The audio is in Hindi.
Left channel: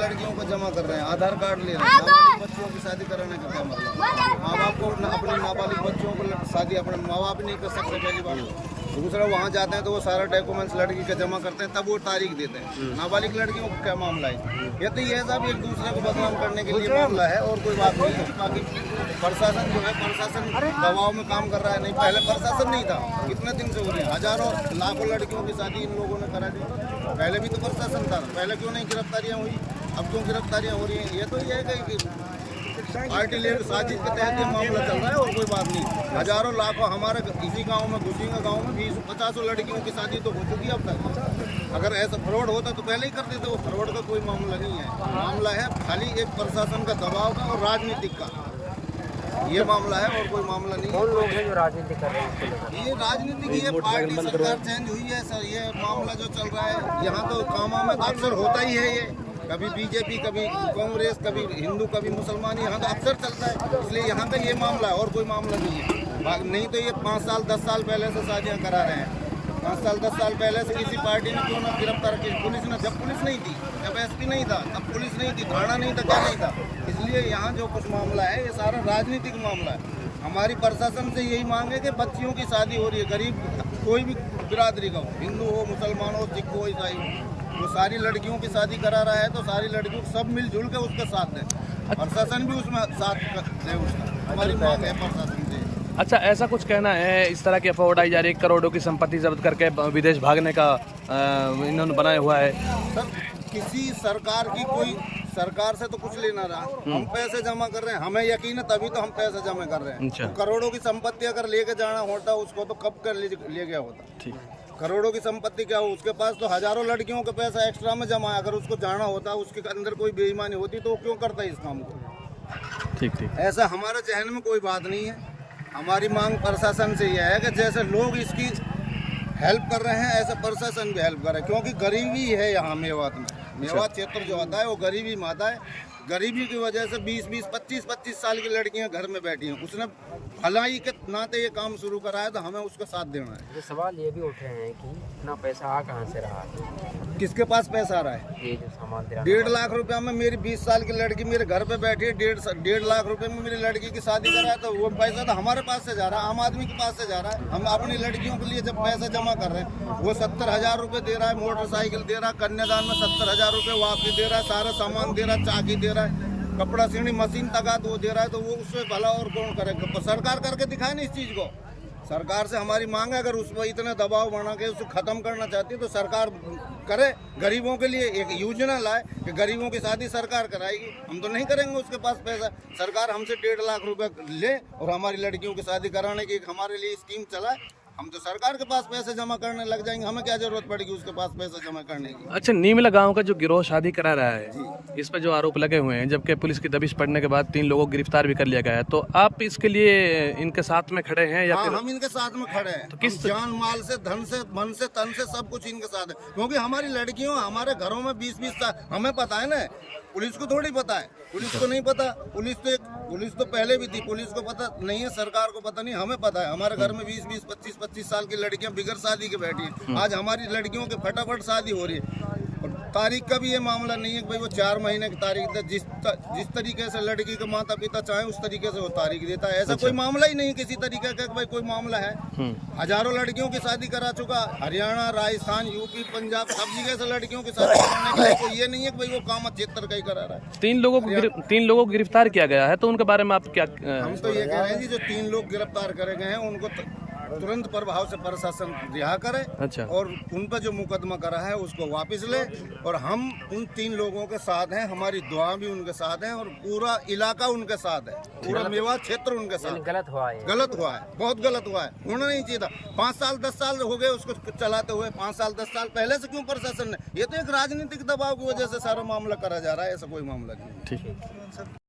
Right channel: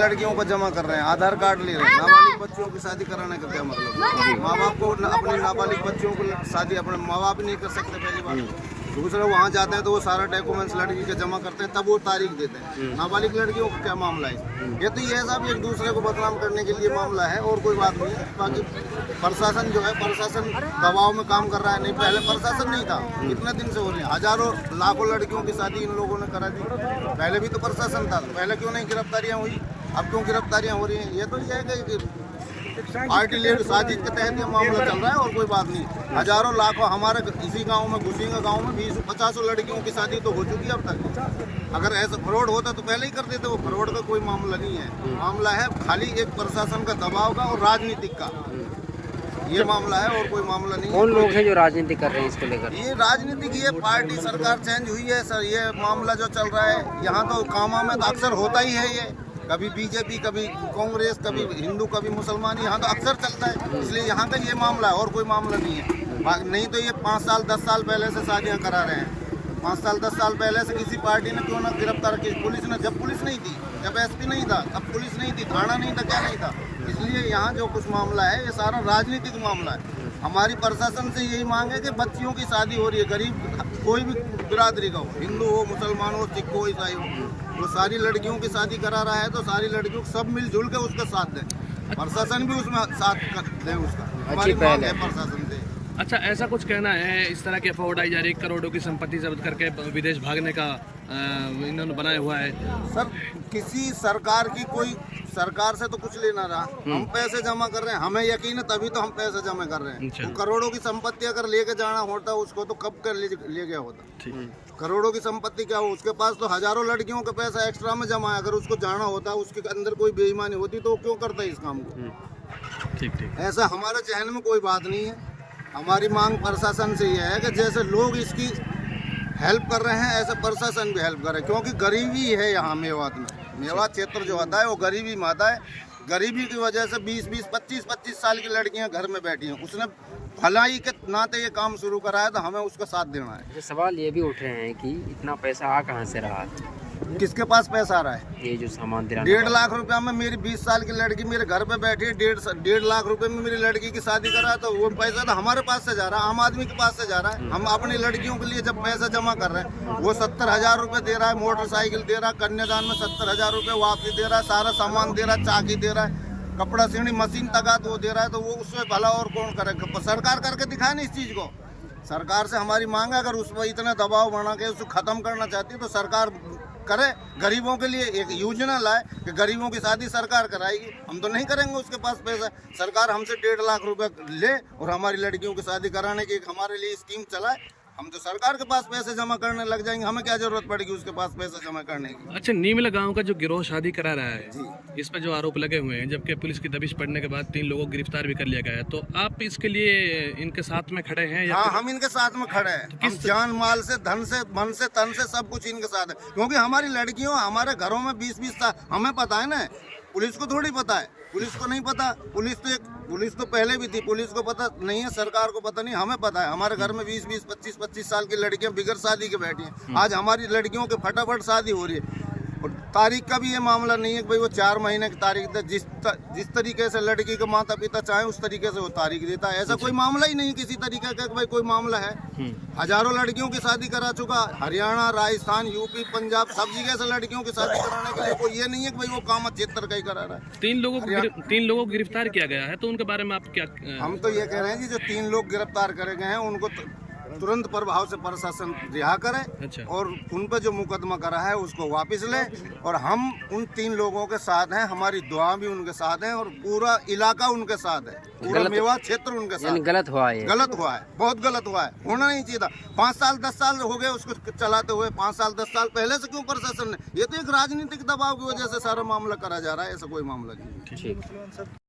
लड़कियों को जमा कर रहे हैं, आधार कार्ड ले रहे हैं, नाबालिग बच्चियों की शादी कराने का क्या मतलब है? माँ बाप को अपनी नाबालिग बच्चियों को शादी अपने माँ बाप नहीं कर सकते पहली बार। दूसरा वहाँ जाते हैं तो वो सारा डॉक्यूमेंट्स लड़की के जमा करते हैं, तब वो तारीख देते हैं। नाबालिग लड़कियों का क्या मामला है? ये तो ये सब एक दूसरे को बदनाम करने के लिए मामला है और कोई बात नहीं है। बाकी प्रशासन जो है, प्रशासन दबाव में काम कर रहा है। नहीं, पहले प्रशासन नहीं था, कितने दिन से हो रही है, हजारों लाखों लड़कियों की शादी इन लोगों ने करा दी। पहले भी तो प्रशासन था, पहले क्यों नहीं गिरफ्तारियाँ हुई, अब क्यों गिरफ्तारियाँ हो रही हैं? ये तो ये है कि पार्टी लेकर साजिश के तहत ये मामला चल रहा है और कोई बात नहीं। हजारों लाखों हमारे इसी गांव में, घुसीगा गांव में 20-50 लड़कियों की शादी तो हो चुकी है अब तक। अगर ऐसा फ्रॉड होता तो पहले ही कर देते। वो फ्रॉड का कोई मामला नहीं है, मामला है खाली एक प्रशासन का दबाव का और राजनीतिक का, ये मामला है और कोई मामला नहीं है। कौन लोग हैं जो राजनीति कर रहे हैं इसको लेकर? ये राजनीतिक, ये पार्टी सरकार चेंज हुई है सर, ये मामला जो चल रहा है यहाँ तो कामा में तो अक्सर होता ही है। ये कभी बीजेपी, कभी कांग्रेस, कभी हिंदू, कभी मुसलमान, यहाँ तो अक्सर चलता है। इसलिए यहाँ का ये मामला है और कोई मामला नहीं है। नहीं तो ये 5 साल 10 साल पहले से शादियाँ करा रहे हैं। 5 साल 10 साल पहले से किसी पार्टी ने क्यों ना गिरफ्तार की? पुलिस ने, जब पुलिस नहीं थी, जब एसपी नहीं था, तब पुलिस नहीं थी, थाना नहीं था, क्या नहीं था। इसलिए यहाँ जो कुछ मामला है ये सारा राजनीतिक मामला है। हमारी प्रशासन से यही मांग है कि बच्चियों की शादी हो रही है, गरीब कोई भी बिरादरी का हो, हिंदू हो, मुसलमान हो, सिख हो, ईसाई हो, वो सारी लड़कियों की शादी करा रहा है तो सारी लड़कियों को सब मिलजुल के उसका साथ दें, प्रशासन भी उसमें साथ दे उसका। हमारी मांग है प्रशासन से। अच्छा, ऐसा कुछ कहना है, इस तरह की अफवाह उड़ाई जा रही है, करोड़ों की संपत्ति जब्त करके विदेश भागने का इन्होंने बनाया हुआ है। सर, किसी सरकार की कोई सरकार से तो कुछ लेना रहा, हम पैसे जमा कर रहे हैं, हमें यकीन है तभी तो हम पैसे जमा कर रहे हैं। तो करोड़ों की संपत्ति अगर लेके जाना होता उसको तो कब कर ले गया होता। करोड़ों की संपत्ति क्या हो, उसके पास तो हजारों लड़कियों का पैसा एक्स्ट्रा में जमा है। अगर उसको जाना होता, उसके अंदर कोई बेईमानी होती तो वो क्यों करता है इस काम को? ठीक। ऐसा हमारे जहन में कोई बात नहीं है। हमारी मांग प्रशासन से यह है कि जैसे लोग इसकी हेल्प कर रहे हैं ऐसे प्रशासन भी हेल्प करे, क्योंकि गरीबी है यहाँ मेवात में। मेवात क्षेत्र जो आता है वो गरीबी में आता है। गरीबी की वजह से 20-20, 25-25 साल की लड़कियां घर में बैठी हैं। उसने भलाई के नाते ये काम शुरू करा है तो हमें उसका साथ देना है। तो सवाल ये भी उठ रहे हैं कि इतना पैसा आ कहाँ से रहा? किसके पास पैसा आ रहा है? ये जो सामान दे रहा है 1.5 लाख रुपया में मेरी 20 साल की लड़की मेरे घर पे बैठी है। 1.5 लाख रुपए में मेरी लड़की की शादी करा है तो वो पैसा तो हमारे पास से जा रहा है, आम आदमी के पास से जा रहा है। हम अपनी लड़कियों के लिए जब पैसा जमा कर रहे हैं, वो 70,000 रुपये दे रहा है, मोटरसाइकिल दे रहा है, कन्यादान में 70,000 रुपये वापसी दे रहा है, सारा सामान दे रहा है, चाकी दे रहा है, कपड़ा सीढ़ी मशीन तक वो दे रहा है, तो वो उससे भला और कौन करेगा? सरकार करके दिखाए ना इस चीज़ को। सरकार से हमारी मांग है, अगर उस पर इतना दबाव बना के उसको खत्म करना चाहती है तो सरकार करे, गरीबों के लिए एक योजना लाए कि गरीबों की शादी सरकार कराएगी। हम तो नहीं करेंगे, उसके पास पैसा। सरकार हमसे 1.5 लाख रुपए ले और हमारी लड़कियों की शादी कराने की एक हमारे लिए स्कीम चलाए। हम तो सरकार के पास पैसे जमा करने लग जाएंगे, हमें क्या जरूरत पड़ेगी उसके पास पैसा जमा करने की। अच्छा, नीमला गांव का जो गिरोह शादी करा रहा है जी, इस पर जो आरोप लगे हुए हैं, जबकि पुलिस की दबिश पड़ने के बाद 3 लोगों को गिरफ्तार भी कर लिया गया है, तो आप इसके लिए इनके साथ में खड़े हैं या? हाँ, हम इनके साथ में खड़े हैं। तो किस जान माल से, धन से, मन से, तन से सब कुछ इनके साथ है। क्योंकि हमारी लड़कियों हमारे घरों में 20-20 साल, हमें पता है ना, पुलिस को थोड़ी पता है। पुलिस को नहीं पता, पुलिस तो पहले भी थी, पुलिस को पता नहीं है, सरकार को पता नहीं, हमें पता है। हमारे घर में 20-20, 25-25 साल की लड़कियां बिगर शादी के बैठी हैं। आज हमारी लड़कियों के फटाफट शादी हो रही है। और तारीख का भी ये मामला नहीं है कि भाई वो 4 महीने की तारीख दे। जिस तरीके से लड़की के माता पिता चाहे उस तरीके से वो तारीख देता है। ऐसा कोई मामला ही नहीं किसी तरीके का कि भाई कोई मामला है। हजारों लड़कियों की शादी करा चुका, हरियाणा, राजस्थान, यूपी, पंजाब, सब जगह से लड़कियों की शादी कराने के लिए कोई ये नहीं है कि भाई वो काम क्षेत्र का ही करा रहा है। 3 लोगों को गिरफ्तार किया गया है, तो उनके बारे में आप क्या? हम तो ये कह रहे हैं जी, जो 3 लोग गिरफ्तार करे गए हैं उनको तुरंत प्रभाव से प्रशासन रिहा करे। अच्छा। और उन पर जो मुकदमा करा है उसको वापस ले। और हम उन 3 लोगों के साथ हैं, हमारी दुआ भी उनके साथ है और पूरा इलाका उनके साथ है, पूरा मेवात क्षेत्र उनके साथ। गलत हुआ है, गलत हुआ है, बहुत गलत हुआ है, होना नहीं चाहिए था। 5 साल 10 साल हो गए उसको चलाते हुए। 5 साल 10 साल पहले से क्यों प्रशासन ने? ये तो एक राजनीतिक दबाव की वजह से सारा मामला करा जा रहा है, ऐसा कोई मामला नहीं। ठीक।